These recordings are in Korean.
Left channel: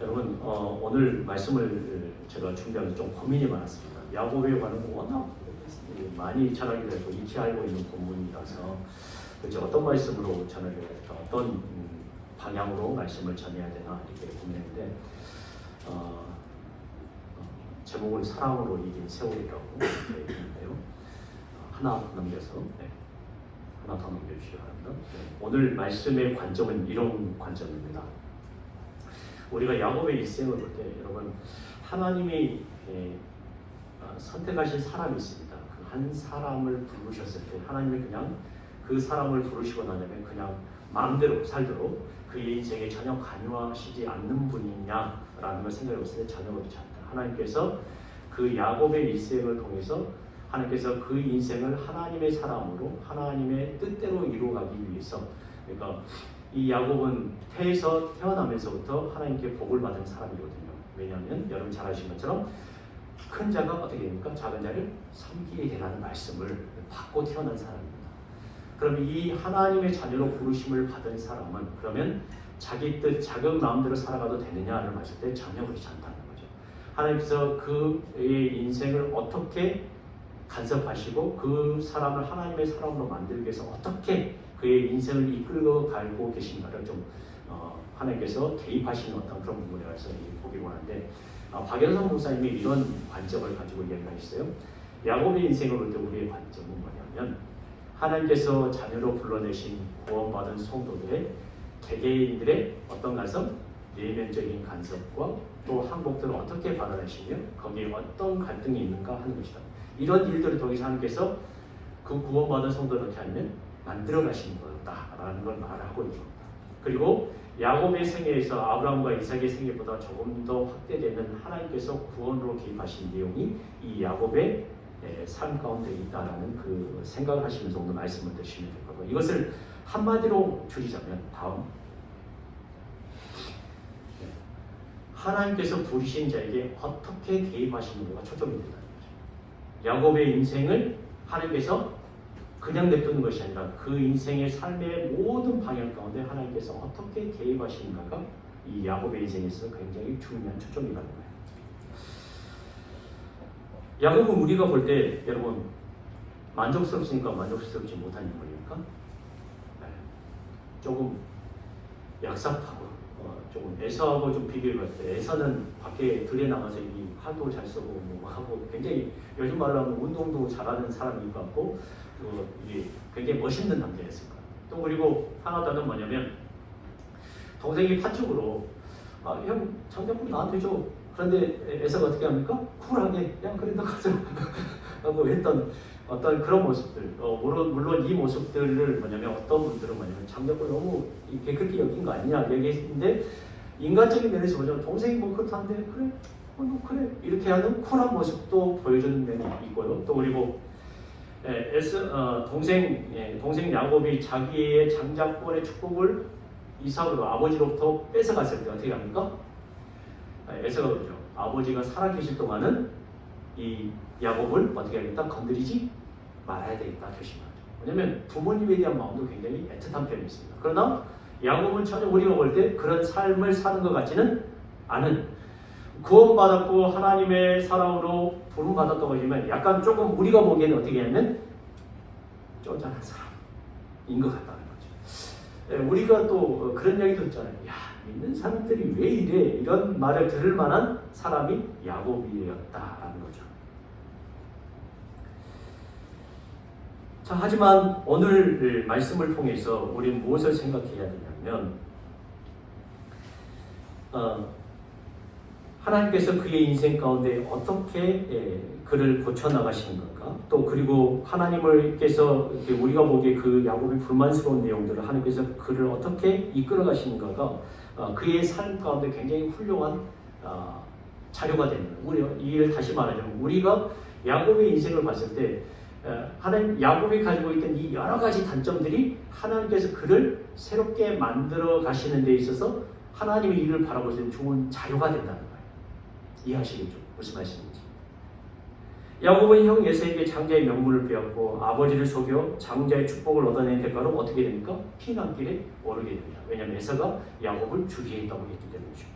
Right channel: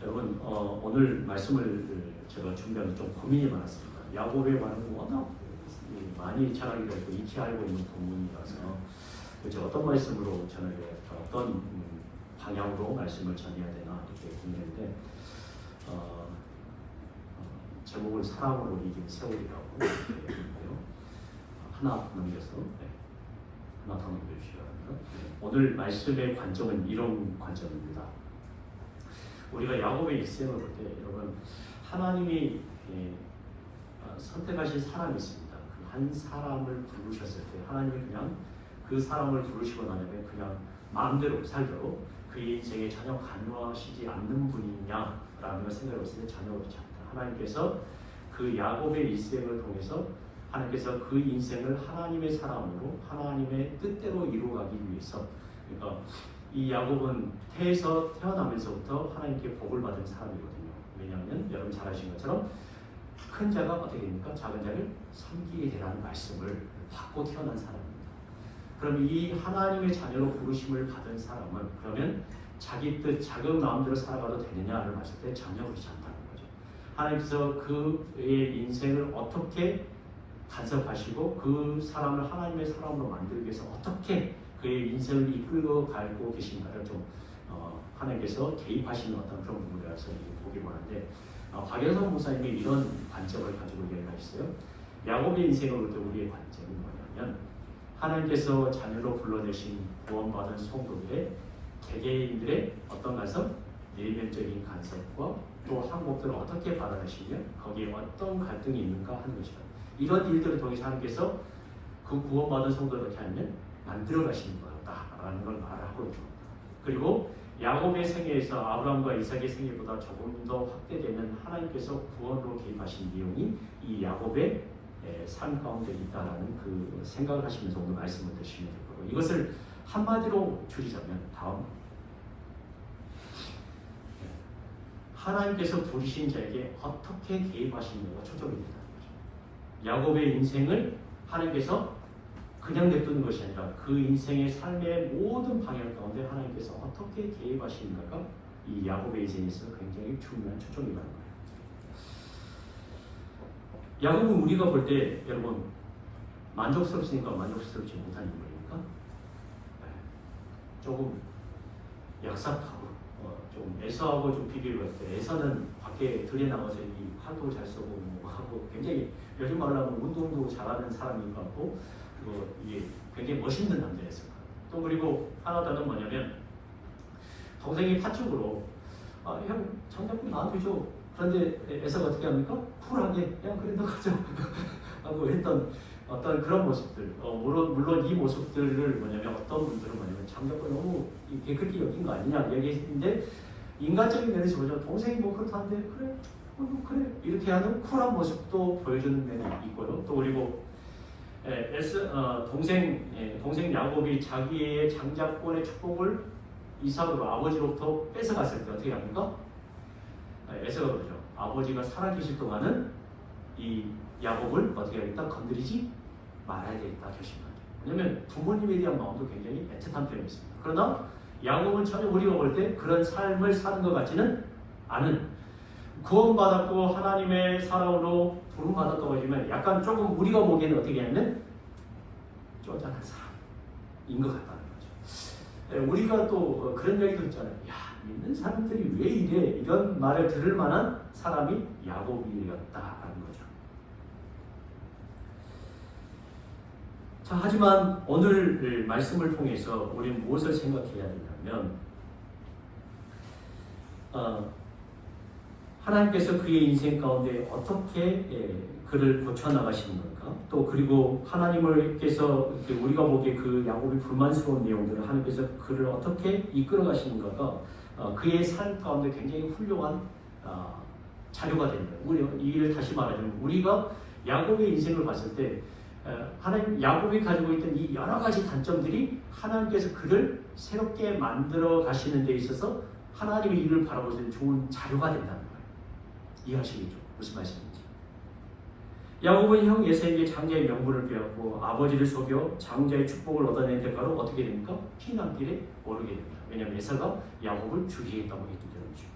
여러분 오늘 말씀을 제가 준비하면서 좀 고민이 많았습니다. 야곱에 관한 워낙 많이 자랑이 되고 익히 알고 있는 본문이라서 그렇죠. 어떤 말씀으로 전해야 될까, 어떤 방향으로 말씀을 전해야 되나 이렇게 고민했는데 제목은 사랑으로 이긴 세월이라고 있는데요. 하나 넘겨서 하나 더 넘겨주시기 바랍니다. 오늘 말씀의 관점은 이런 관점입니다. 우리가 야곱의 일생을 볼 때 여러분 하나님이 선택하신 사람이 있습니다. 그 한 사람을 부르셨을 때 하나님이 그냥 그 사람을 부르시고 나면 그냥 마음대로 살도록 그의 인생에 전혀 관여하시지 않는 분이냐라는 걸 생각해 봤을 때 전혀 그렇지 않다. 하나님께서 그 야곱의 일생을 통해서 하나님께서 그 인생을 하나님의 사람으로 하나님의 뜻대로 이루어가기 위해서, 그러니까 이 야곱은 태어나면서부터 하나님께 복을 받은 사람이거든요. 왜냐하면 여러분 잘 아시는 것처럼 큰 자가 어떻게 됩니까? 작은 자를 섬기게 되라는 말씀을 받고 태어난 사람입니다. 그럼 이 하나님의 자녀로 부르심을 받은 사람은 그러면 자기 뜻, 자기 마음대로 살아가도 되느냐를 봤을 때 전혀 그렇지 않다는 거죠. 하나님께서 그의 인생을 어떻게 간섭하시고 그 사람을 하나님의 사람으로 만들기 위해서 어떻게 그의 인생을 이끌고 가고 계신가를 좀 하나님께서 개입하시는 어떤 그런 부분이라서 보기 원하는데, 박연성 목사님이 이런 관점을 가지고 이야기하셨어요. 야곱의 인생을 볼 때 우리의 관점은 뭐냐면 하나님께서 자녀로 불러내신 구원받은 성도들의 개개인들의 어떤 간섭, 내면적인 간섭과 또 항복들을 어떻게 받아내시며 거기에 어떤 갈등이 있는가 하는 것이다. 이런 일들을 통해서 하나님께서 그 구원받은 성도를 어떻게 하면 만들어 가시는 거다라는 걸 말하고 있습니다. 그리고 야곱의 생애에서 아브라함과 이삭의 생애보다 조금 더 확대되는 하나님께서 구원으로 개입하신 내용이 이 야곱의 삶 가운데 있다라는 그 생각을 하시면서 오늘 말씀을 드시면 될 거고, 이것을 한마디로 줄이자면 다음, 하나님께서 부르신 자에게 어떻게 개입하시는가가 초점이 된다는 거죠. 야곱의 인생을 하나님께서 그냥 냅두는 것이 아니라 그 인생의 삶의 모든 방향 가운데 하나님께서 어떻게 개입하시는가가 이 야곱의 인생에서 굉장히 중요한 초점이라는 거예요. 야곱은 우리가 볼 때 여러분 만족스럽습니까? 만족스럽지 못한 인물입니까? 조금 약삭하고 조금 에서하고 좀 비교를 할 때 에서는 밖에 들에 나가서 이 활도 잘 쓰고 뭐 하고 굉장히 요즘 말로 하면 운동도 잘하는 사람인 것 같고 이게 굉장히 멋있는 남자였습니다. 또 그리고 하나 더는 뭐냐면 동생이 파축으로 형 장작불 나한테 줘. 그런데 에서가 어떻게 합니까? 쿨하게 그냥 그래 너 가져 라고 했던 어떤 그런 모습들, 물론 이 모습들을 뭐냐면 어떤 분들은 뭐냐면 장작불 너무 그렇게 여긴 거 아니냐 얘기했는데, 인간적인 면에서 보자면 동생이 뭐 그렇다는데 그래 그래 이렇게 하는 쿨한 모습도 보여주는 면이 있고요. 또 그리고 동생 야곱이 자기의 장자권의 축복을 이삭으로 아버지로부터 뺏어갔을 때 어떻게 합니까? 에서가 그러죠. 아버지가 살아계실 동안은 이 야곱을 어떻게 하겠다? 건드리지 말아야 되겠다 결심합니다. 왜냐하면 부모님에 대한 마음도 굉장히 애틋한 편이었습니다. 그러나 야곱은 전혀 우리가 볼 때 그런 삶을 사는 것 같지는 않은, 구원받았고 하나님의 사랑으로 부름받았다고 하지만 약간 조금 우리가 보기에는 어떻게 하면 쪼잔한 사람인 것 같다는 거죠. 우리가 또 그런 얘기도 있잖아요. 야, 믿는 사람들이 왜 이래? 이런 말을 들을 만한 사람이 야곱이었다라는 거죠. 자, 하지만 오늘 말씀을 통해서 우리는 무엇을 생각해야 되냐면 하나님께서 그의 인생 가운데 어떻게 그를 고쳐나가시는 건가, 또 그리고 하나님께서 우리가 보기에 그 야곱이 불만스러운 내용들을 하나님께서 그를 어떻게 이끌어 가시는가가 그의 삶 가운데 굉장히 훌륭한 자료가 됩니다. 이를 다시 말하자면 우리가 야곱의 인생을 봤을 때 하나님 야곱이 가지고 있던 이 여러 가지 단점들이 하나님께서 그를 새롭게 만들어 가시는 데 있어서 하나님의 일을 바라볼 수 있는 좋은 자료가 된다는 거예요. 이해하시겠죠? 무슨 말씀인지. 야곱은 형 에서에게 장자의 명분을 빼앗고 아버지를 속여 장자의 축복을 얻어낸 대가로 어떻게 됩니까? 피난길에 오르게 됩니다. 왜냐하면 에서가 야곱을 주리했다고 했기 때문이죠.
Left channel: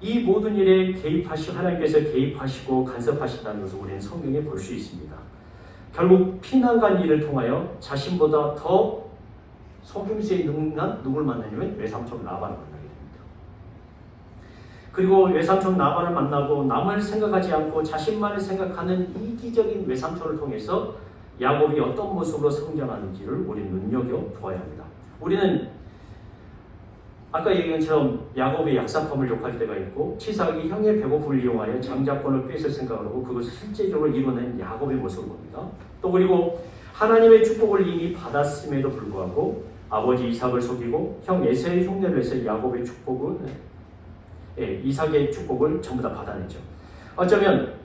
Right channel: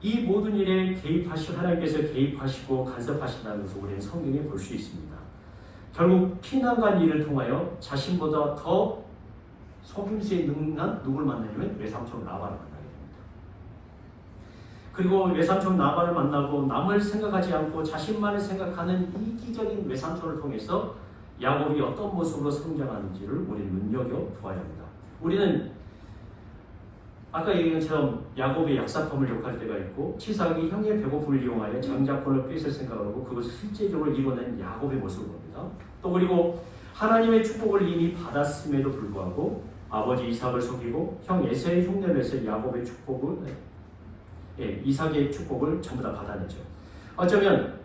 이 모든 일에 하나님께서 개입하시고 간섭하신다는 것을 우리는 성경에 볼 수 있습니다. 결국 피난간 일을 통하여 자신보다 더 속임수에 능한 누굴 만나냐면 외삼촌 라반을 만나게 됩니다. 그리고 외삼촌 라반을 만나고 남을 생각하지 않고 자신만을 생각하는 이기적인 외삼촌을 통해서 야곱이 어떤 모습으로 성장하는지를 우리는 눈여겨보아야 합니다. 우리는 아까 얘기한 것처럼 야곱이 약사품을 욕할 때가 있고 치삭이 형의 배고픔을 이용하여 장자권을 뺏을 생각을 하고 그것을 실제적으로 이뤄낸 야곱의 모습을 봅니다. 또 그리고 하나님의 축복을 이미 받았음에도 불구하고 아버지 이삭을 속이고 형 에서의 흉내를 내서 야곱의 축복을 이삭의 축복을 전부 다 받아냈죠. 어쩌면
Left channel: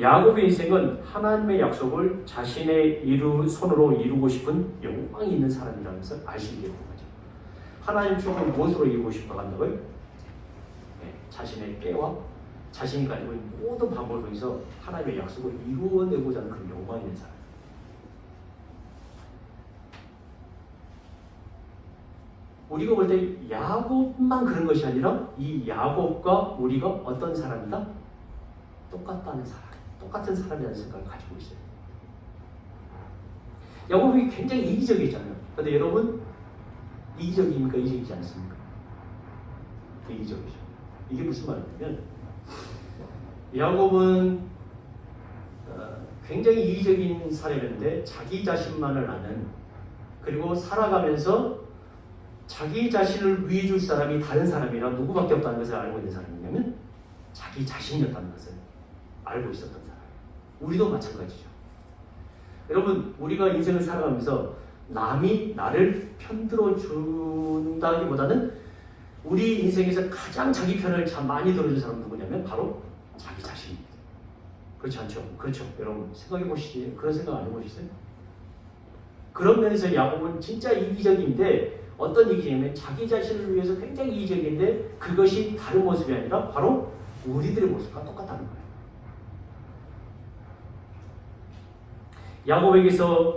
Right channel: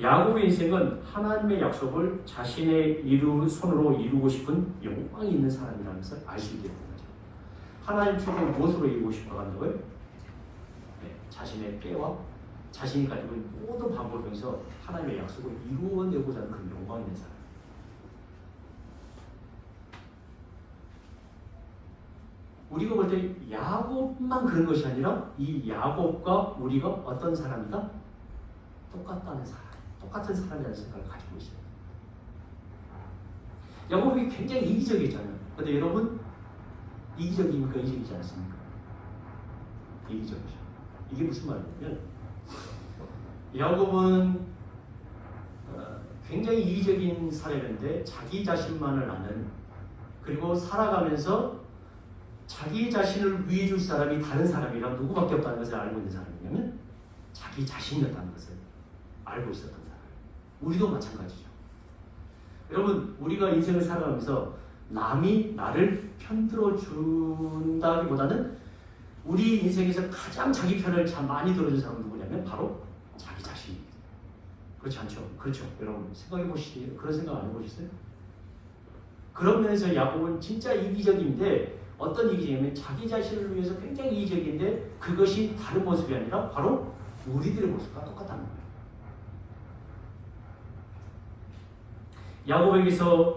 야곱의 인생은 하나님의 약속을 자신의 손으로 이루고 싶은 욕망이 있는 사람이라는 것을 알 수 있게 됩니다. 하나님 축복을 무엇으로 이루고 싶어 한다고요? 자신의 때와 자신이 가지고 있는 모든 방법을 통해서 하나님의 약속을 이루어내고자 하는 그런 욕망이 있는 사람. 우리가 볼 때 야곱만 그런 것이 아니라 이 야곱과 우리가 어떤 사람이다? 똑같다는 사람, 똑같은 사람이라는 생각을 가지고 있어요. 야곱이 굉장히 이기적이잖아요. 그런데 여러분 이기적입니까? 이기적이지 않습니까? 이기적이죠. 이게 무슨 말이냐면 야곱은 굉장히 이기적인 사람인데 자기 자신만을 아는, 그리고 살아가면서 자기 자신을 위해 줄 사람이 다른 사람이라 누구밖에 없다는 것을 알고 있는 사람이냐면 자기 자신이었다는 것을 알고 있었던 사람. 우리도 마찬가지죠. 여러분 우리가 인생을 살아가면서 남이 나를 편들어 준다기보다는 우리 인생에서 가장 자기 편을 참 많이 들어준 사람은 누구냐면 바로 자기 자신입니다. 그렇지 않죠? 그렇죠. 여러분 생각해 보시지. 그런 생각 안 해보셨어요? 그런 면에서 야곱은 진짜 이기적인데 어떤 이기적이냐면 자기 자신을 위해서 굉장히 이기적인데 그것이 다른 모습이 아니라 바로 우리들의 모습과 똑같다는 거예요.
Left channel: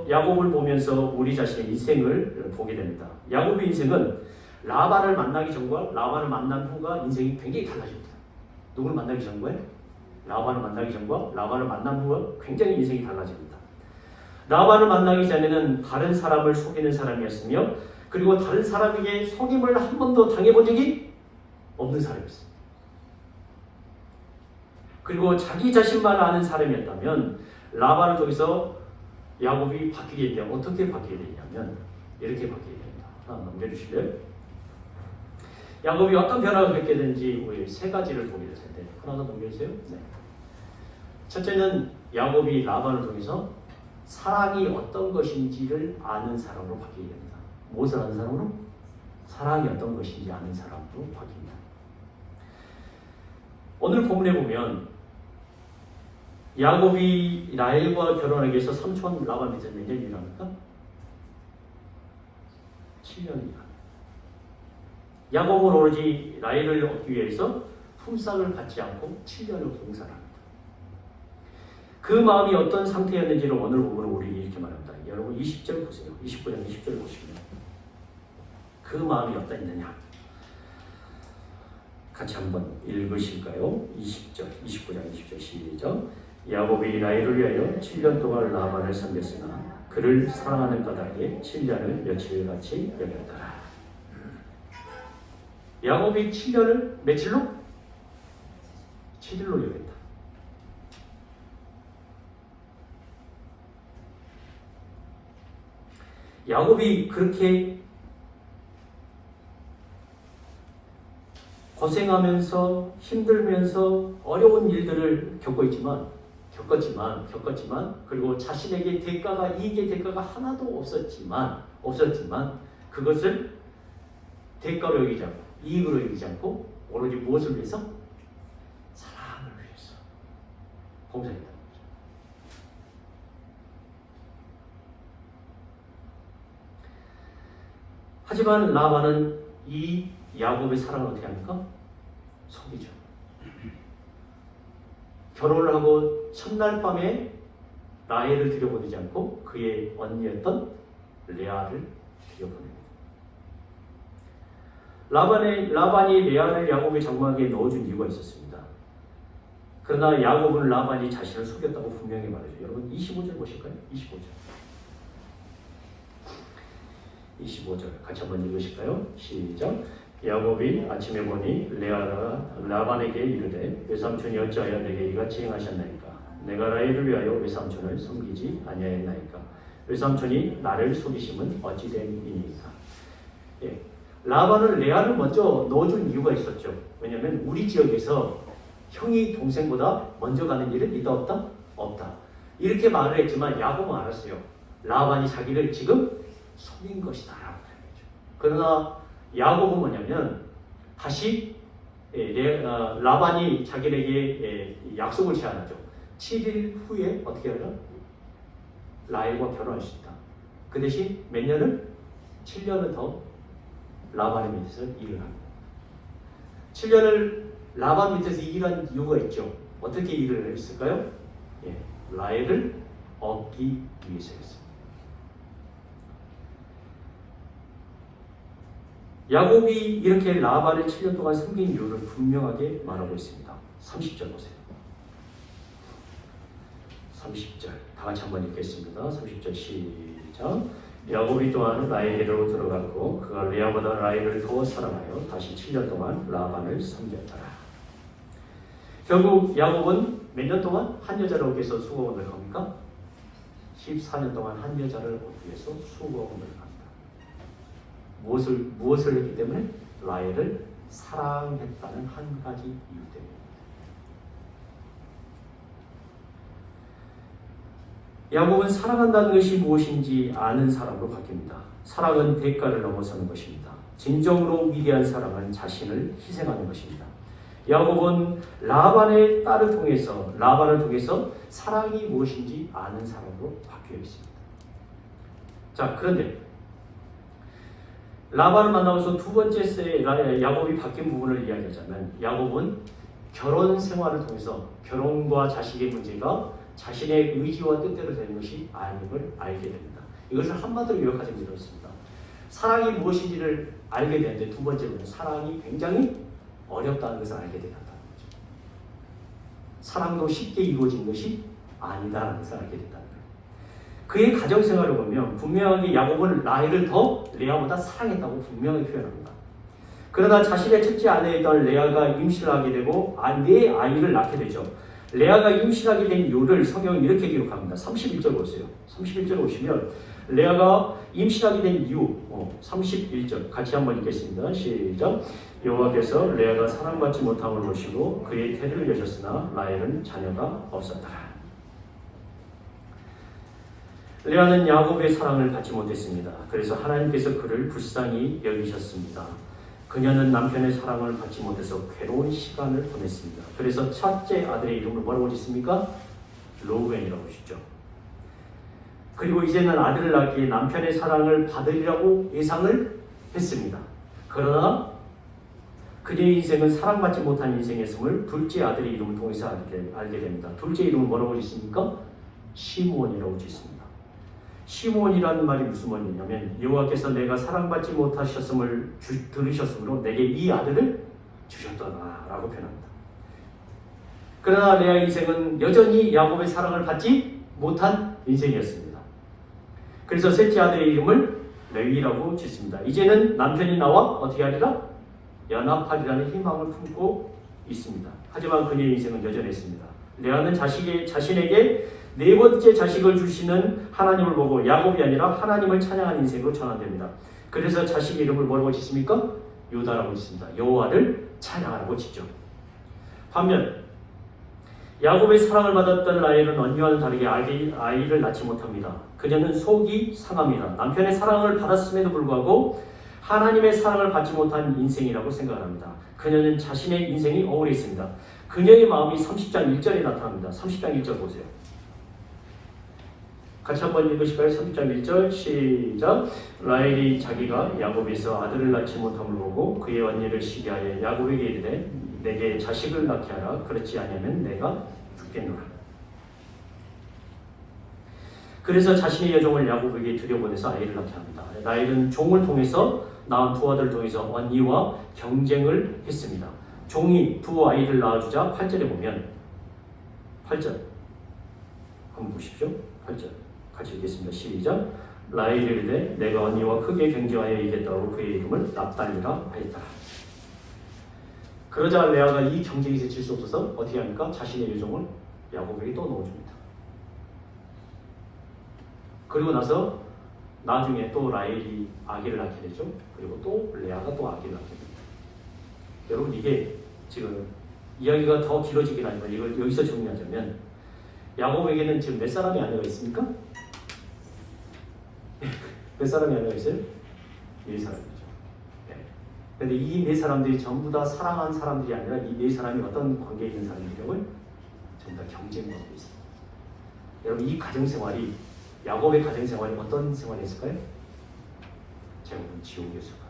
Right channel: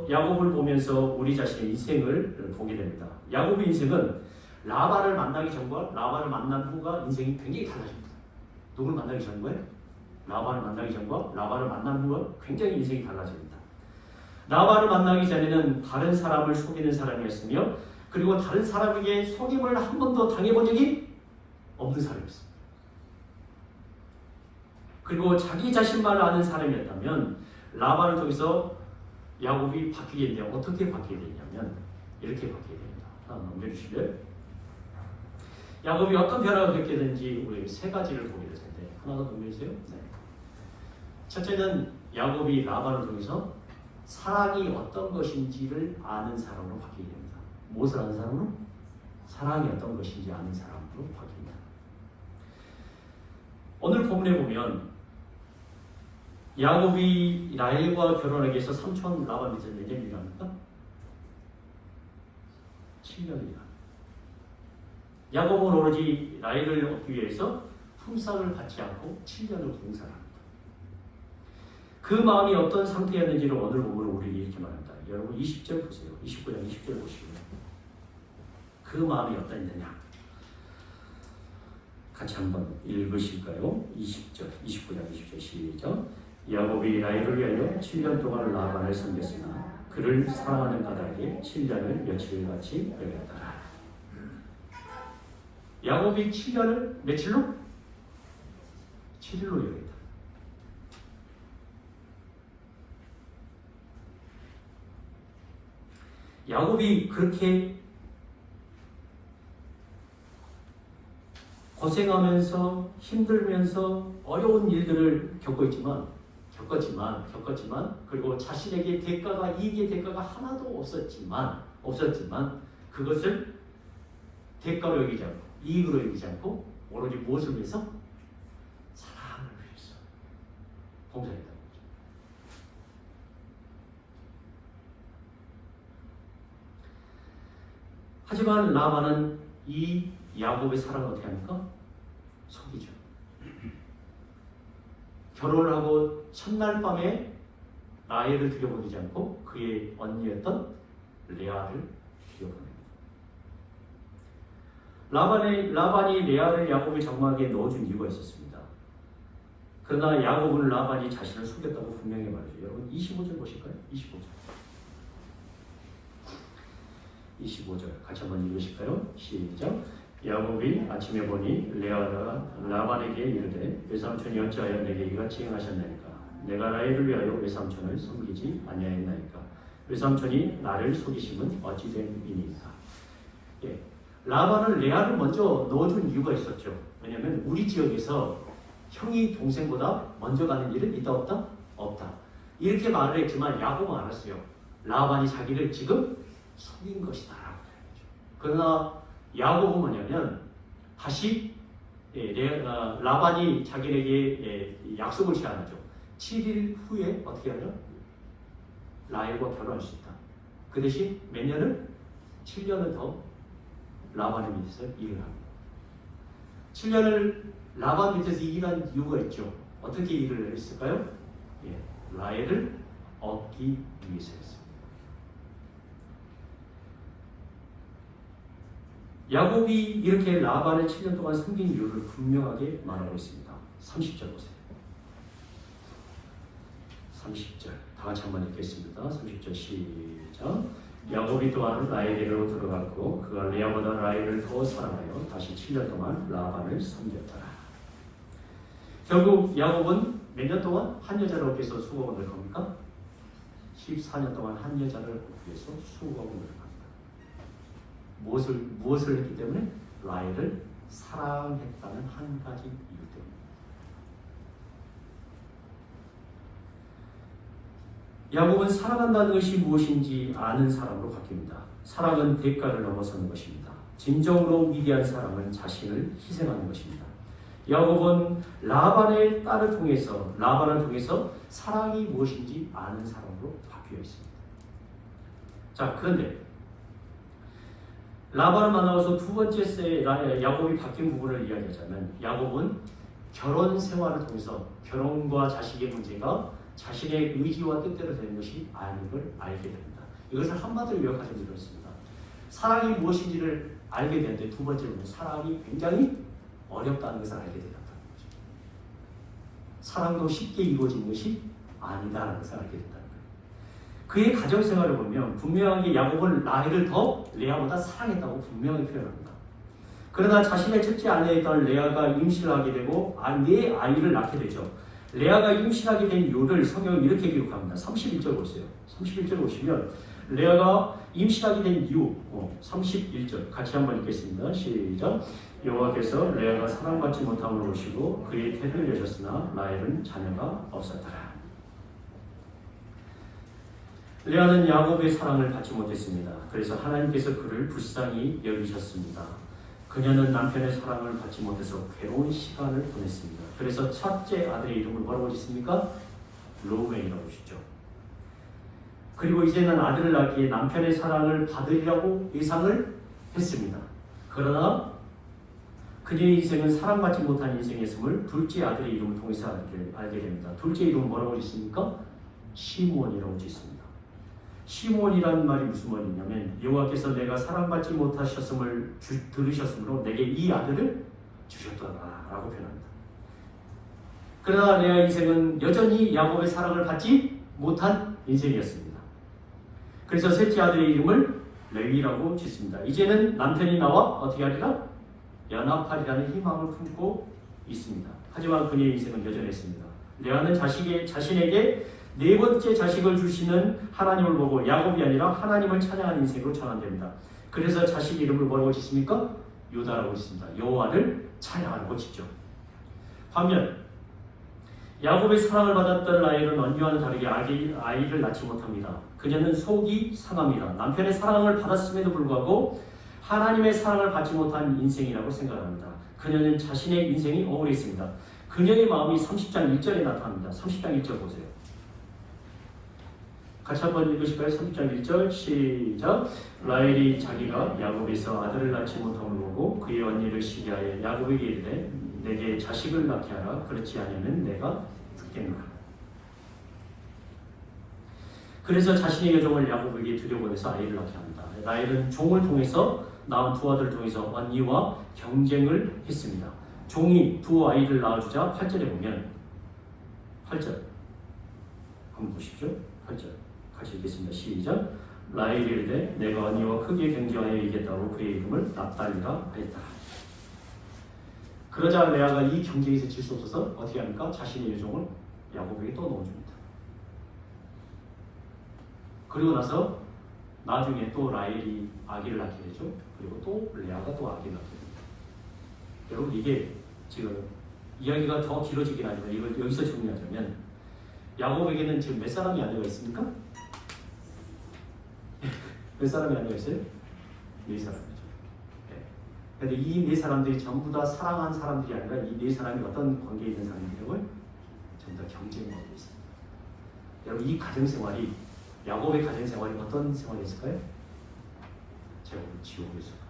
야곱을 보면서 우리 자신의 인생을 보게 됩니다. 야곱의 인생은 라반을 만나기 전과 라반을 만난 후가 인생이 굉장히 달라집니다. 누굴 만나기 전과요? 라반을 만나기 전과 라반을 만난 후가 굉장히 인생이 달라집니다. 라반을 만나기 전에는 다른 사람을 속이는 사람이었으며 그리고 다른 사람에게 속임을 한 번도 당해본 적이 없는 사람이었습니다. 그리고 자기 자신만 아는 사람이었다면 라반을 통해서 야곱이 바뀌게 되냐, 어떻게 바뀌게 되냐면 이렇게 바뀌게 됩니다. 하나 넘겨주시고요. 야곱이 어떤 변화가 겪게 되는지 우리 세 가지를 보게 될 텐데 하나 더 넘겨주세요. 네. 첫째는 야곱이 라반을 통해서 사랑이 어떤 것인지를 아는 사람으로 바뀌게 됩니다. 무엇을 아는 사람으로? 사랑이 어떤 것인지 아는 사람으로 바뀝니다. 오늘 본문에 보면 야곱이 라헬과 결혼하기 위해서 삼촌 라반 밑에 몇 년이 일합니까? 7년이나. 야곱은 오로지 라헬을 얻기 위해서 품삯을 받지 않고 7년을 봉사합니다. 그 마음이 어떤 상태였는지를 오늘 본문으로 우리 이렇게 말합니다. 여러분 20절 보세요. 29장 20절 보시면 그 마음이 어땠느냐? 같이 한번 읽으실까요? 20절, 29장 20절 시작. 야곱이 라헬을 위하여 7년 동안 라반을 섬겼으나 그를 사랑하는 까닭에 7년을 며칠같이 여겼더라. 야곱이 7년을 며칠로? 7일로 여겼다. 야곱이 그렇게 고생하면서 힘들면서 어려운 일들을 겪었지만 그리고 자신에게 이익의 대가가 하나도 없었지만 그것을 대가로 여기지 않고 이익으로 여기지 않고 오로지 무엇을 위해서? 사랑을 위해서 봉사했다는 거죠. 하지만 라반은 이 야곱의 사랑을 어떻게 합니까? 속이죠. 결혼을 하고 첫날 밤에 라헬을 들여보내지 않고 그의 언니였던 레아를 들여보냅니다. 라반이 레아를 야곱의 장막에 넣어준 이유가 있었습니다. 그러나 야곱은 라반이 자신을 속였다고 분명히 말해줘요. 여러분 25절 보실까요? 25절 같이 한번 읽으실까요? 시작. 야곱이 아침에 보니 레아가 라반에게 이르되 외삼촌이 어찌하여 내게 이같이 행하셨나이까? 내가 라헬을 위하여 외삼촌을 섬기지 아니하였나이까? 외삼촌이 나를 속이심은 어찌 됨이니까? 예. 라반은 레아를 먼저 넣어준 이유가 있었죠. 왜냐하면 우리 지역에서 형이 동생보다 먼저 가는 일은 있다 없다? 없다. 이렇게 말을 했지만 야곱은 알았어요. 라반이 자기를 지금 속인 것이다 라고 말했죠. 그러나 야곱은 뭐냐면 다시 라반이 자기에게 약속을 제안하죠. 7일 후에 어떻게 하냐? 라헬과 결혼할 수 있다. 그 대신 몇 년을? 7년을 더 라반의 밑에서 일을 합니다. 7년을 라반 밑에서 일한 이유가 있죠. 어떻게 일을 했을까요? 예, 라헬을 얻기 위해서였습니다. 야곱이 이렇게 라반을 7년 동안 섬긴 이유를 분명하게 말하고 있습니다. 30절 보세요. 30절 다 같이 한번 읽겠습니다. 30절 시작. 야곱이 또한 라헬에게로 들어갔고 그가 레아보다 라헬을 더 사랑하여 다시 7년 동안 라반을 섬겼다. 결국 야곱은 몇 년 동안 한 여자를 얻기 위해서 수고금을 갑니까? 14년 동안 한 여자를 얻기 위해서 수고금을 갑니다. 무엇을 했기 때문에? 라헬을 사랑했다는 한 가지 이유 때문에. 야곱은 사랑한다는 것이 무엇인지 아는 사람으로 바뀝니다. 사랑은 대가를 넘어서는 것입니다. 진정으로 위대한 사랑은 자신을 희생하는 것입니다. 야곱은 라반을 통해서 사랑이 무엇인지 아는 사람으로 바뀌어 있습니다. 자, 그런데 라반을 만나서 두 번째 야곱이 바뀐 부분을 이야기하자면 야곱은 결혼 생활을 통해서 결혼과 자식의 문제가 자신의 의지와 뜻대로 되는 것이 아님을 알게 됩니다. 이것을 한마디로 요약하자면 이렇습니다. 사랑이 무엇인지를 알게 되는데 두 번째로는 사랑이 굉장히 어렵다는 것을 알게 되었다는 거죠. 사랑도 쉽게 이루어지는 것이 아니다라는 것을 알게 된다는 거예요. 그의 가정생활을 보면 분명하게 야곱은 라헬을 더 레아보다 사랑했다고 분명히 표현합니다. 그러나 자신의 첫째 아내이던 레아가 임신을 하게 되고 네 아이를 낳게 되죠. 레아가 임신하게 된 이유를 성경은 이렇게 기록합니다. 31절 보세요. 31절 보시면 레아가 임신하게 된 이유 31절 같이 한번 읽겠습니다. 시작. 여호와께서 레아가 사랑받지 못함을 보시고 그의 태를 여셨으나 라헬은 자녀가 없었다. 레아는 야곱의 사랑을 받지 못했습니다. 그래서 하나님께서 그를 불쌍히 여기셨습니다. 그녀는 남편의 사랑을 받지 못해서 괴로운 시간을 보냈습니다. 그래서 첫째 아들의 이름을 뭐라고 짓습니까? 르우벤이라고 짓죠. 그리고 이제는 아들을 낳기에 남편의 사랑을 받으리라고 예상을 했습니다. 그러나 그녀의 인생은 사랑받지 못한 인생이었음을 둘째 아들의 이름을 통해서 알게 됩니다. 둘째 이름은 뭐라고 짓습니까? 시므온이라고 짓습니다. 시므온이라는 말이 무슨 말이냐면 여호와께서 내가 사랑받지 못하셨음을 들으셨으므로 내게 이 아들을 주셨더라라고 표현합니다. 그러나 레아의 인생은 여전히 야곱의 사랑을 받지 못한 인생이었습니다. 그래서 셋째 아들의 이름을 레위라고 짓습니다. 이제는 남편이 나와 어떻게 하리라? 연합하리라는 희망을 품고 있습니다. 하지만 그녀의 인생은 여전했습니다. 레아는 자신에게 네 번째 자식을 주시는 하나님을 보고 야곱이 아니라 하나님을 찬양하는 인생으로 전환됩니다. 그래서 자식 이름을 뭐라고 짓습니까? 유다라고 짓습니다. 여호와를 찬양하라고 짓죠. 반면 야곱의 사랑을 받았던 라헬은 언니와는 다르게 아이를 낳지 못합니다. 그녀는 속이 상합니다. 남편의 사랑을 받았음에도 불구하고 하나님의 사랑을 받지 못한 인생이라고 생각합니다. 그녀는 자신의 인생이 억울해 있습니다. 그녀의 마음이 30장 1절에 나타납니다. 30장 1절 보세요. 같이 한번 읽으실까요? 30장 1절 시작. 라헬이 자기가 야곱에서 아들을 낳지 못함을 보고 그의 언니를 시기하여 야곱에게 이르되 내게 자식을 낳게 하라. 그렇지 않으면 내가 죽겠노라. 그래서 자신의 여종을 야곱에게 들여보내서 아이를 낳게 합니다. 라헬은 종을 통해서 낳은 두 아들을 통해서 언니와 경쟁을 했습니다. 종이 두 아이를 낳아주자 8절에 보면 8절 한번 보십시오. 8절 같이 읽겠습니다. 시작. 라헬이 이르되 내가 언니와 크게 경쟁하여 이겼다고 그의 이름을 납달리라 하였다. 그러자 레아가 이 경쟁에서 질 수 없어서 어떻게 합니까? 자신의 유종을 야곱에게 또 넣어줍니다. 그리고 나서 나중에 또 라헬이 아기를 낳게 되죠. 그리고 또 레아가 또 아기를 낳게 됩니다. 여러분 이게 지금 이야기가 더 길어지긴 하지만 이걸 여기서 정리하자면 야곱에게는 지금 몇 사람의 아내가 있습니까? 몇 사람의 아내가 있어요? 4사람이죠. 그런데 이 4사람들이 전부 다 사랑하는 사람들이 아니라 이 4사람이 어떤 관계에 있는 사람들이라고요? 전부 다 경쟁을 하고 있습니다. 여러분 이 가정생활이 야곱의 가정생활이 어떤 생활이었을까요? 제가 보는 지옥이었어요.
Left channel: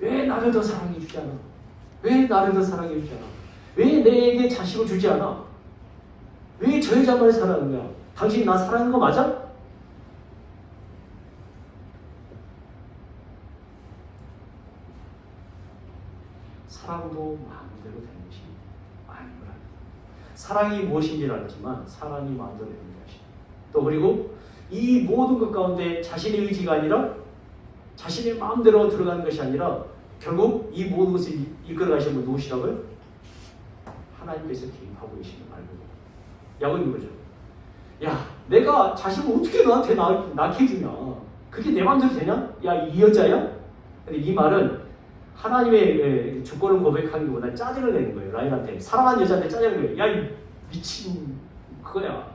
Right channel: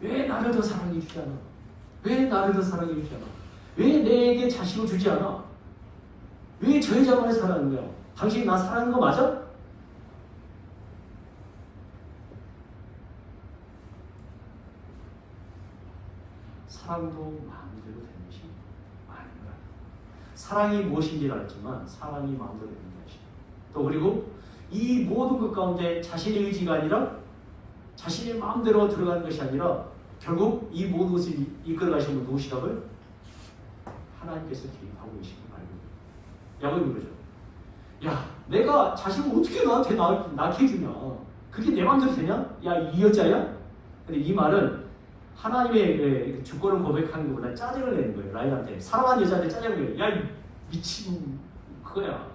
왜 나를 더 사랑해 주지 않아? 왜 나를 더 사랑해 주지 않아? 왜 내게 자식을 주지 않아? 왜 저 여자만을 사랑하는 거야? 당신이 나 사랑하는 거 맞아? 사랑도 마음대로 되는 것이 아닌 거야. 사랑이 무엇인지를 알지만 사랑이 마음대로 되는 것이. 또 그리고 이 모든 것 가운데 자신의 의지가 아니라 자신의 마음대로 들어가는 것이 아니라 결국 이 모든 것을 이끌어 가시는 분 누구시라고요? 하나님께서 개입하고 계시는 말입니다. 야곱이 그러죠. 야, 내가 자식을 어떻게 너한테 낳게 해주냐? 그게 내 마음대로 되냐? 야, 이 여자야? 근데 이 말은 하나님의 주권을 고백하는 것보다 짜증을 내는 거예요. 라헬한테. 사랑하는 여자한테 짜증을 내요. 야, 이 미친 그거야.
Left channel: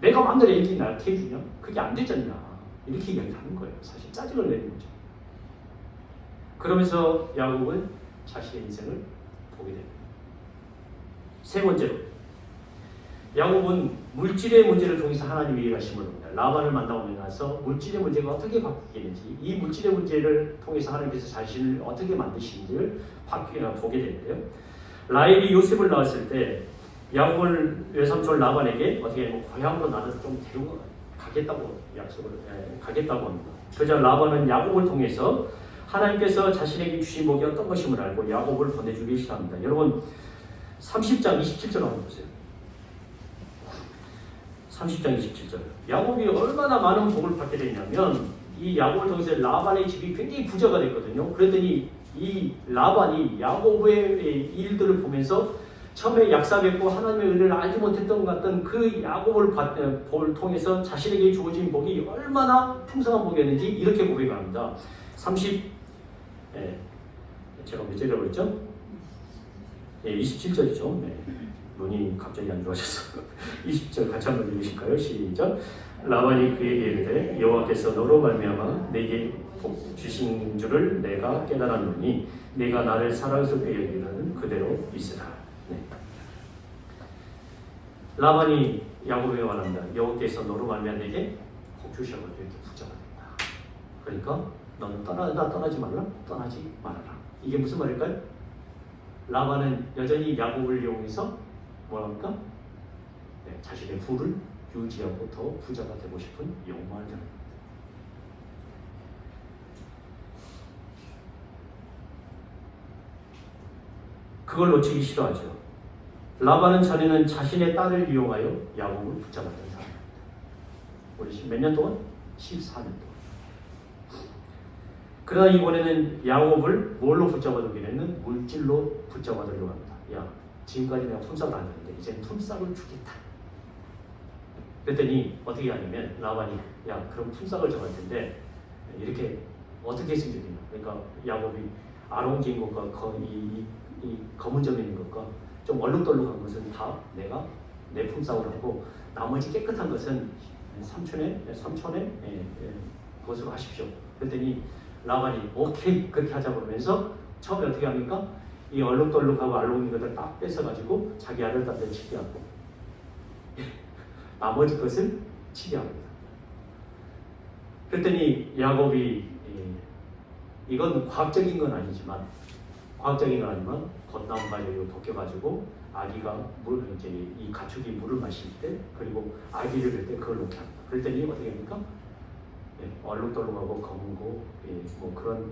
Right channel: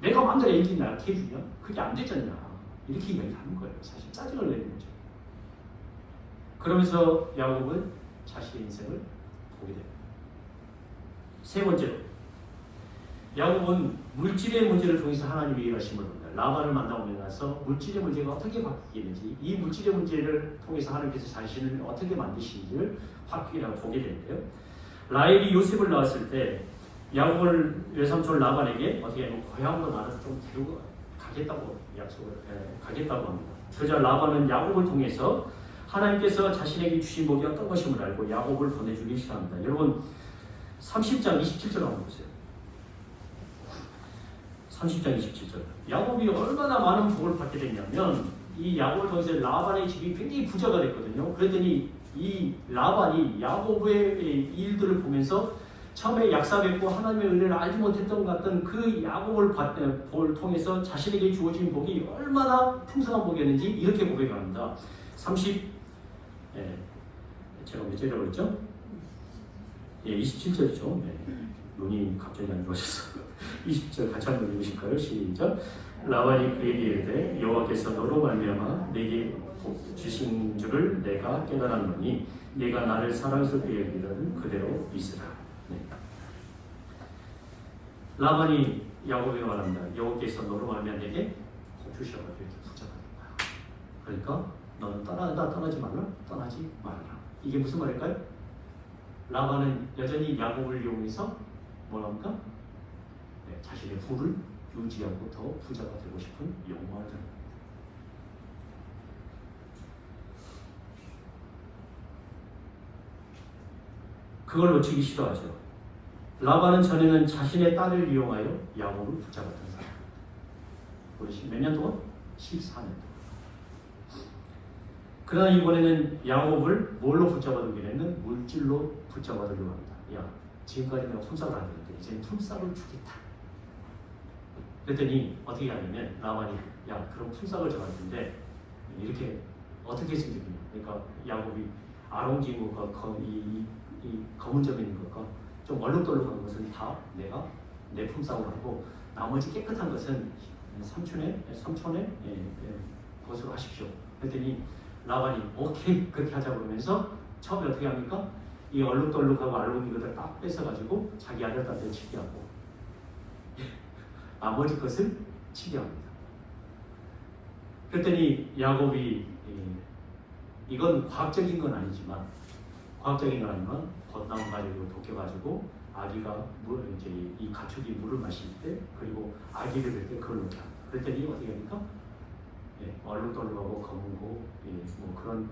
내가 마음대로 애기 낳게 해주냐? 그게 안 되잖냐? 이렇게 이야기하는 거예요. 사실 짜증을 내는 거죠. 그러면서 야곱은 자신의 인생을 보게 됩니다. 세 번째로 야곱은 물질의 문제를 통해서 하나님이 일하심을 봅니다. 라반을 만나고 나서 물질의 문제가 어떻게 바뀌는지 이 물질의 문제를 통해서 하나님께서 자신을 어떻게 만드시는지를 보게 되는데요. 라헬이 요셉을 낳았을 때 야곱을 외삼촌 라반에게 어떻게 하면 고향으로 나를 좀 데리고 가겠다고 약속을 가겠다고 합니다. 그러자 라반은 야곱을 통해서 하나님께서 자신에게 주신 복이 어떤 것임을 알고 야곱을 보내주기 시작합니다. 여러분 30장 27절 한번 보세요. 30장 27절. 야곱이 얼마나 많은 복을 받게 됐냐면 이 야곱을 통해서 라반의 집이 굉장히 부자가 됐거든요. 그랬더니 이 라반이 야곱의 일들을 보면서 처음에 약사했고 하나님의 은혜를 알지 못했던 것 같던 그 야곱을 복을 통해서 자신에게 주어진 복이 얼마나 풍성한 복이었는지 이렇게 고백합니다. 제가 몇 절이라고 그랬죠? 27절이죠. 눈이 갑자기 안 좋아져서 20절 같이 한번 읽으실까요? 시작. 라반이 그에게 이르되 여호와께서 너로 말미암아 내게 복 주신 줄을 내가 깨달았노니 네가 나를 사랑스럽게 여기는 그대로 있으라. 라반이 야곱에게 말합니다. 여호와께서 너로 말미암아 내게 복 주셔가지고 이렇게 부자가 된다. 그러니까 너는 떠나지 말라. 떠나지 말아라. 이게 무슨 말일까요? 라반은 여전히 야곱을 이용해서 뭐랍니까? 자신의 부를 유지하고 더 부자가 되고 싶은 욕망을 합니다. 그걸 놓치기 싫어하죠. 라반은 전에는 자신의 딸을 이용하여 야곱을 붙잡았던 사람입니다. 우리 몇 년 동안? 14년 동안. 그러나 이번에는 야곱을 뭘로 붙잡아두게 되는 물질로 붙잡아두려고 합니다. 야, 지금까지 내가 품삯을 안 줬는데 이제는 품삯을 주겠다. 그랬더니 어떻게 하냐면 라반이 야, 그럼 품삯을 줘갈 텐데 이렇게 어떻게 했으면 좋겠냐. 그러니까 야곱이 아롱진 것과 이 검은 점이 있는 것과 좀 얼룩덜룩한 것은 다 내가 내 품삯으로 하고 나머지 깨끗한 것은 삼촌의 그것으로 하십시오. 그랬더니 라반이 오케이 그렇게 하자고 그러면서 처음에 어떻게 합니까? 이 얼룩덜룩하고 알록인 것을 딱 뺏어가지고 자기 아들한테 치게 하고 나머지 것을 치게 합니다. 그랬더니 야곱이 이건 과학적인 건 아니지만 겉나온 바위를 벗겨가지고 아기가 이제 이 가축이 물을 마실 때 그리고 아기를 할 때 그걸 놓게 합니다. 그랬더니 어떻게 합니까? 얼룩덜룩하고 검은고 뭐 그런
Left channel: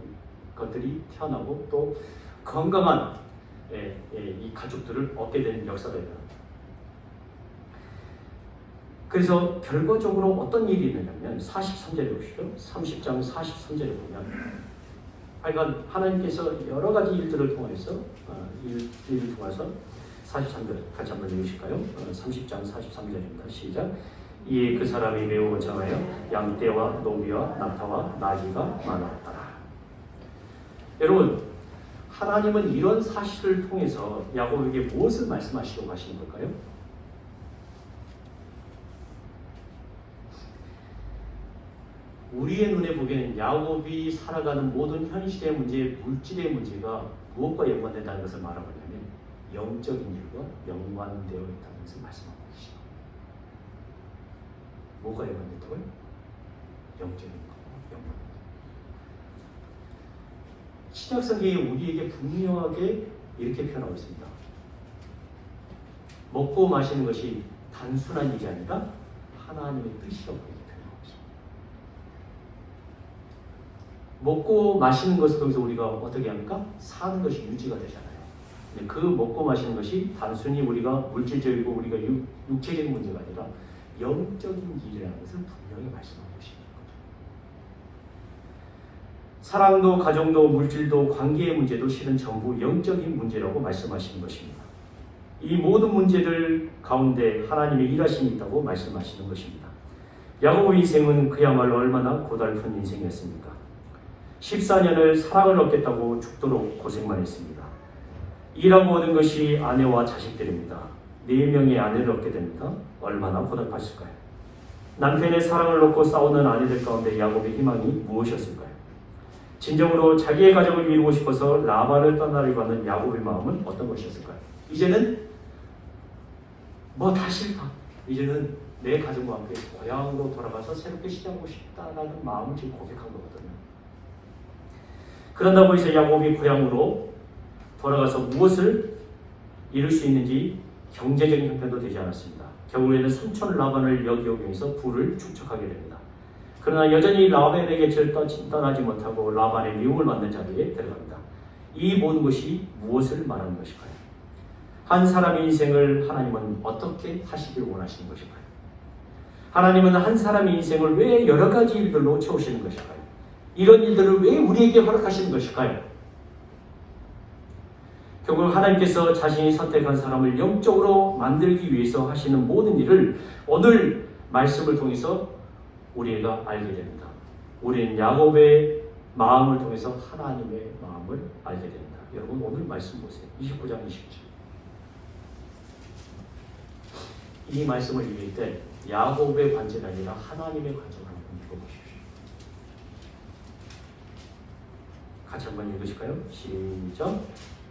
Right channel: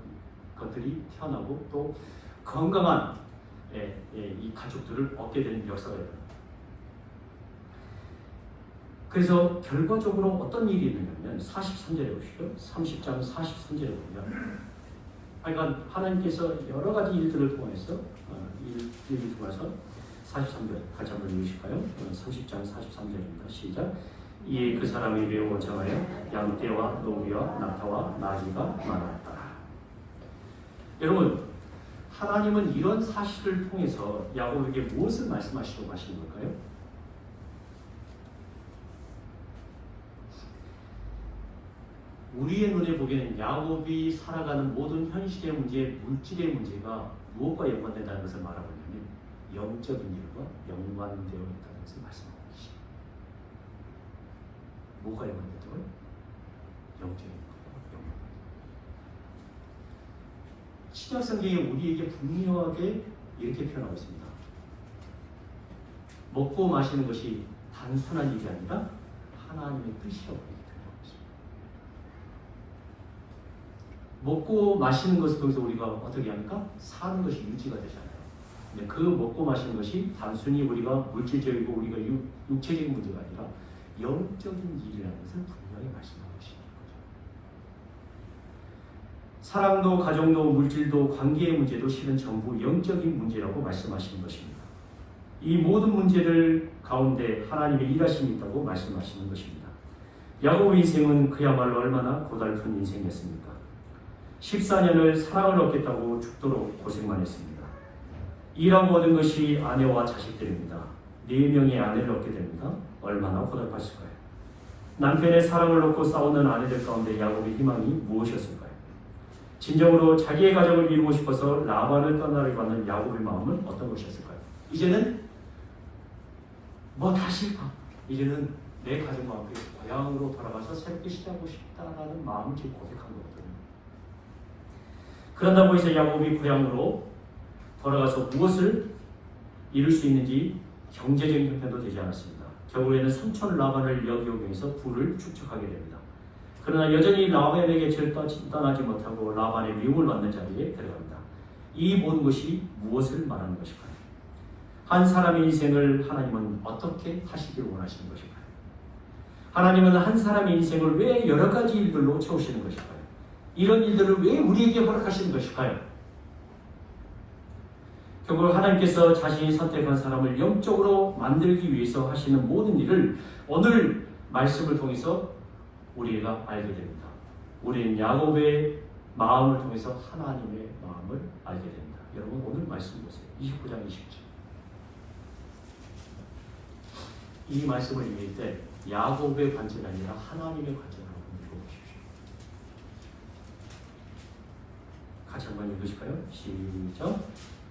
것들이 태어나고 또 건강한 이 가족들을 얻게 되는 역사가 일어납니다. 그래서 결과적으로 어떤 일이 있느냐면 43절에 보시죠. 30장 43절에 보면 하여간 하나님께서 여러 가지 일들을 통해서 일들을 통해서 43절 같이 한번 읽으실까요? 30장 43절입니다. 시작. 이에 그 사람이 매우 원창하여 양떼와 노비와 낙타와 나귀가 많았더라. 여러분, 하나님은 이런 사실을 통해서 야곱에게 무엇을 말씀하시려고 하시는 걸까요? 우리의 눈에 보기에는 야곱이 살아가는 모든 현실의 문제, 물질의 문제가 무엇과 연관된다는 것을 말하고 있냐면 영적인 일과 연관되어 있다는 것을 말씀하고 계십니다. 뭐가 연관된다고요? 영적인 일과 연관된다. 신약 성경에 우리에게 분명하게 이렇게 표현하고 있습니다. 먹고 마시는 것이 단순한 일이 아니라 하나님의 뜻이라고 표현하고 있습니다. 먹고 마시는 것을 통해서 우리가 어떻게 합니까? 사는 것이 유지가 되잖아요. 그 먹고 마시는 것이 단순히 우리가 물질적이고 우리가 육체적인 문제가 아니라 영적인 일이라는 것을 분명히 말씀하고 계시는 거죠. 사랑도 가정도 물질도 관계의 문제도 실은 전부 영적인 문제라고 말씀하시는 것입니다. 이 모든 문제들 가운데 하나님의 일하심이 있다고 말씀하시는 것입니다. 야곱의 인생은 그야말로 얼마나 고달픈 인생이었습니까? 14년을 사랑을 얻겠다고 죽도록 고생만 했습니다. 일하고 얻은 것이 아내와 자식들입니다. 4명의 아내를 얻게 됩니다. 얼마나 고달팠을까요? 남편의 사랑을 얻고 싸우는 아내들 가운데 야곱의 희망이 무엇이었을까요? 진정으로 자기의 가정을 이루고 싶어서 라반을 떠나려고 하는 야곱의 마음은 어떤 것이었을까요? 이제는 뭐 다 싫다. 이제는 내 가정과 함께 고향으로 돌아가서 새롭게 시작하고 싶다라는 마음을 지금 고백한 거거든요. 그런다고 해서 야곱이 고향으로 돌아가서 무엇을 이룰 수 있는지 경제적인 형편도 되지 않았습니다. 결국에는 삼촌 라반을 역이용해서 부를 축적하게 됩니다. 그러나 여전히 라반의 곁을 떠나지 못하고 라반의 미움을 받는 자리에 들어갑니다. 이 모든 것이 무엇을 말하는 것일까요? 한 사람의 인생을 하나님은 어떻게 하시길 원하시는 것일까요? 하나님은 한 사람의 인생을 왜 여러 가지 일들로 채우시는 것일까요? 이런 일들을 왜 우리에게 허락하시는 것일까요? 결국 하나님께서 자신이 선택한 사람을 영적으로 만들기 위해서 하시는 모든 일을 오늘 말씀을 통해서 우리가 알게 됩니다. 우리는 야곱의 마음을 통해서 하나님의 마음을 알게 됩니다. 여러분 오늘 말씀 보세요. 29장 20절. 이 말씀을 읽을 때 야곱의 관점이 아니라 하나님의 관점을 읽어보십시오. 같이 한번 읽으실까요? 시작.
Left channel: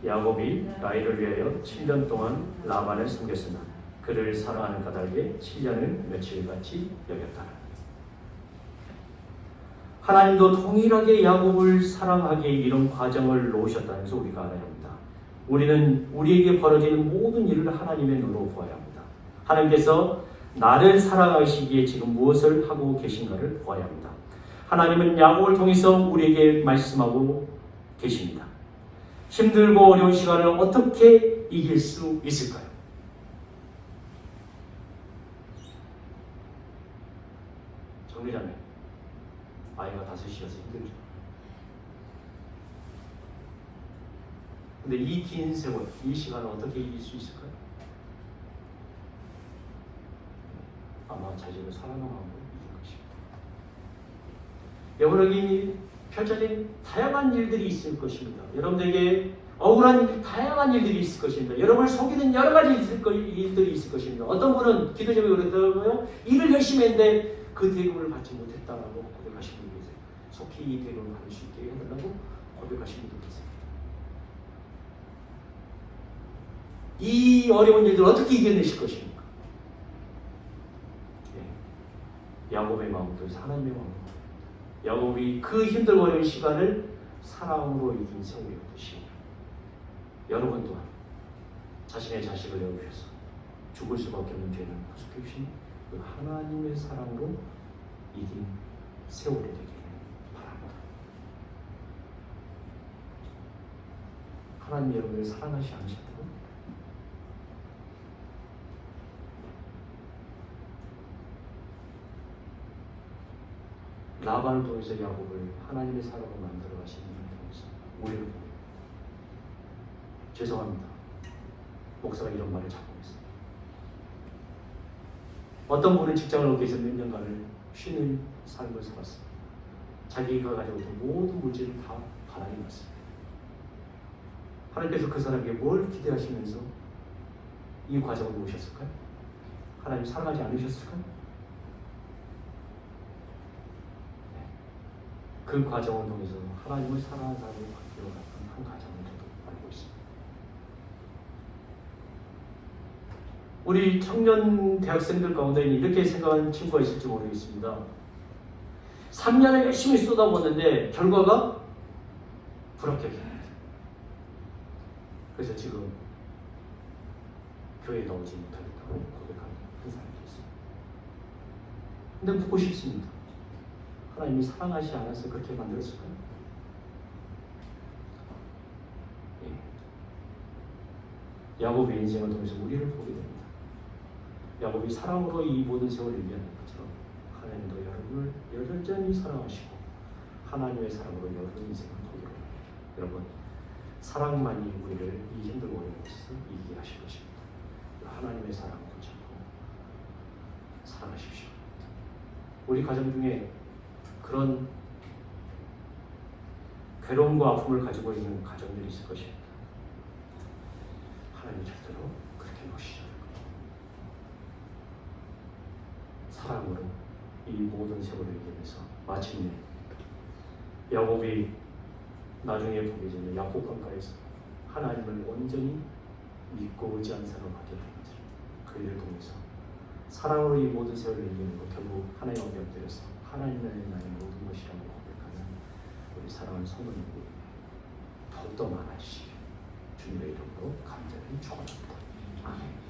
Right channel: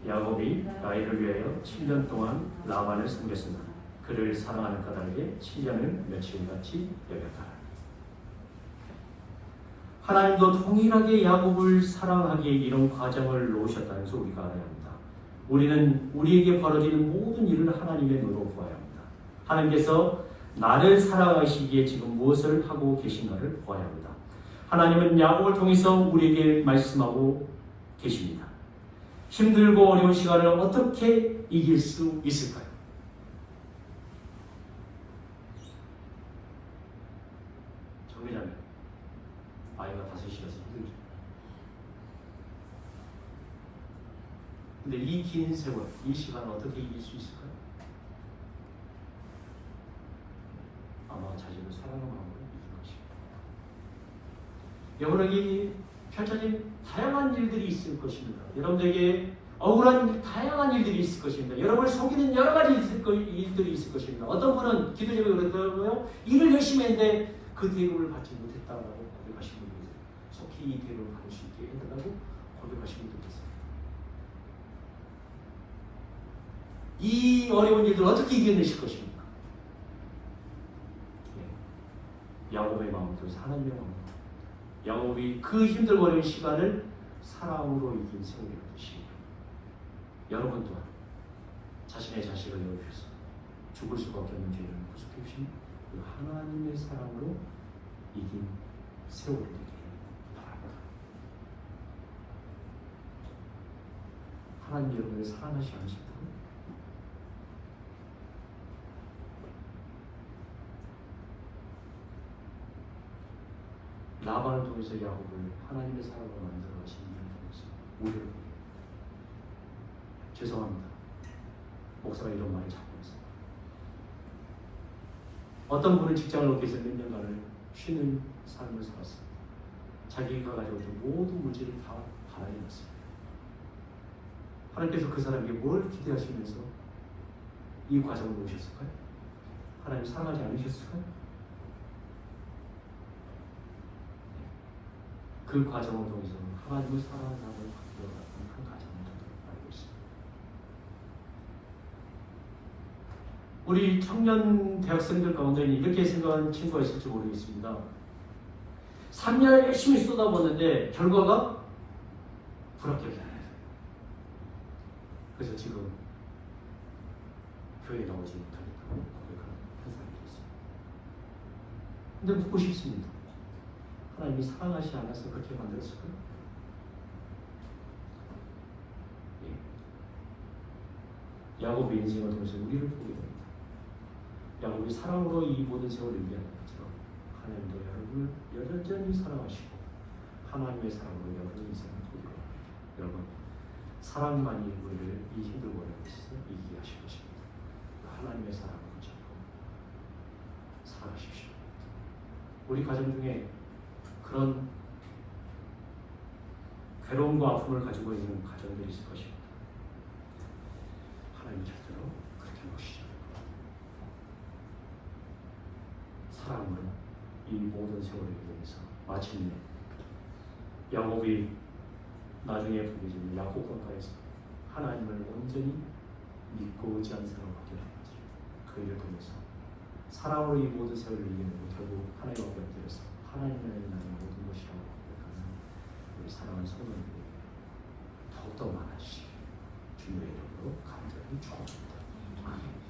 야곱이 라헬을 위하여 7년 동안 라반을 섬겼으나 그를 사랑하는 까닭에 7년을 며칠같이 여겼다. 하나님도 동일하게 야곱을 사랑하기에 이런 과정을 놓으셨다는 것을 우리가 알아야 합니다. 우리는 우리에게 벌어지는 모든 일을 하나님의 눈으로 보아야 합니다. 하나님께서 나를 사랑하시기에 지금 무엇을 하고 계신가를 보아야 합니다. 하나님은 야곱을 통해서 우리에게 말씀하고 계십니다. 힘들고 어려운 시간을 어떻게 이길 수 있을까요? 정리자면 아이가 5이라서 힘들죠. 근데 이 긴 세월, 이 시간을 어떻게 이길 수 있을까요? 아마 자식을 사랑하는 마음으로 이길 것입니다. 여러분에게 펼쳐진 다양한 일들이 있을 것입니다. 여러분들에게 억울한 다양한 일들이 있을 것입니다. 여러분을 속이는 여러 가지 일들이 있을 것입니다. 어떤 분은 기도 제목이 그렇다고요. 일을 열심히 했는데 그 대급을 받지 못했다라고 고백하시는 분이 계세요. 속히 이 대급을 받을 수 있게 해달라고 고백하시는 분이 계세요. 이 어려운 일들을 어떻게 이겨내실 것입니까? 야곱의 마음도 하나님의 마음도 야곱이 그 힘들고 어려운 시간을 사랑으로 이긴 세월이 되시고 여러분 또한 자신의 자식을 위해서 죽을 수밖에 없는 죄를 구속해 주신 그 하나님의 사랑으로 이긴 세월이 되기를 바랍니다. 하나님 여러분을 사랑하지 않으신다고? 라반을 통해서 야곱을 하나님의 사람으로 만들어 가신 이유를 통해서 오해를 보여요. 죄송합니다. 목사가 이런 말을 자꾸 했어요. 어떤 분은 직장을 얻기 위해서 몇 년간을 쉬는 삶을 살았어요. 자기가 가지고 있던 모든 물질을 다 바닥에 놨어요. 하나님께서 그 사람에게 뭘 기대하시면서 이 과정을 모셨을까요? 하나님 사랑하지 않으셨을까요? 네. 그 과정을 통해서 하나님을 사랑하는 사람을 바뀌어가는 한 과정을 저도 알고 있습니다. 우리 청년 대학생들 가운데 이렇게 생각하는 친구가 있을지 모르겠습니다. 3년을 열심히 쏟아붓는데 결과가 불합격이에요. 그래서 지금 교회에 나오지 못하겠다고 고백하는 한 사람이 있어요. 근데 묻고 싶습니다. 하나님이 사랑하지 않아서 그렇게 만들었을까요? 예. 야곱의 인생을 통해서 우리를 보게 됩니다. 야곱이 사랑으로 이 모든 세월을 이겨낸 것처럼 하나님도 여러분을 여전히 사랑하시고 하나님의 사랑으로 여러분 인생을 보게 됩니다. 여러분, 사랑만이 우리를 이 힘들고 어려운 것에서 이기게 하실 것입니다. 하나님의 사랑을 붙잡고 사랑하십시오. 우리 가정 중에 그런 괴로움과 아픔을 가지고 있는 가정들이 있을 것입니다. 하나님 절대로 그렇게 보시지 말고 사랑으로 이 모든 세월을 이기면서 마침내 야곱이 나중에 보게 되는 야곱 강가에서 하나님을 온전히 믿고 의지한 사람을 하게 된 거죠. 그 일을 통해서 사랑으로 이 모든 세월을 이기는 것, 결국 하나님 앞에 엎드려서 하나님은 나의 모든 것이라고 고백하는 우리 사랑하는 성도님들이 더욱더 많아지시고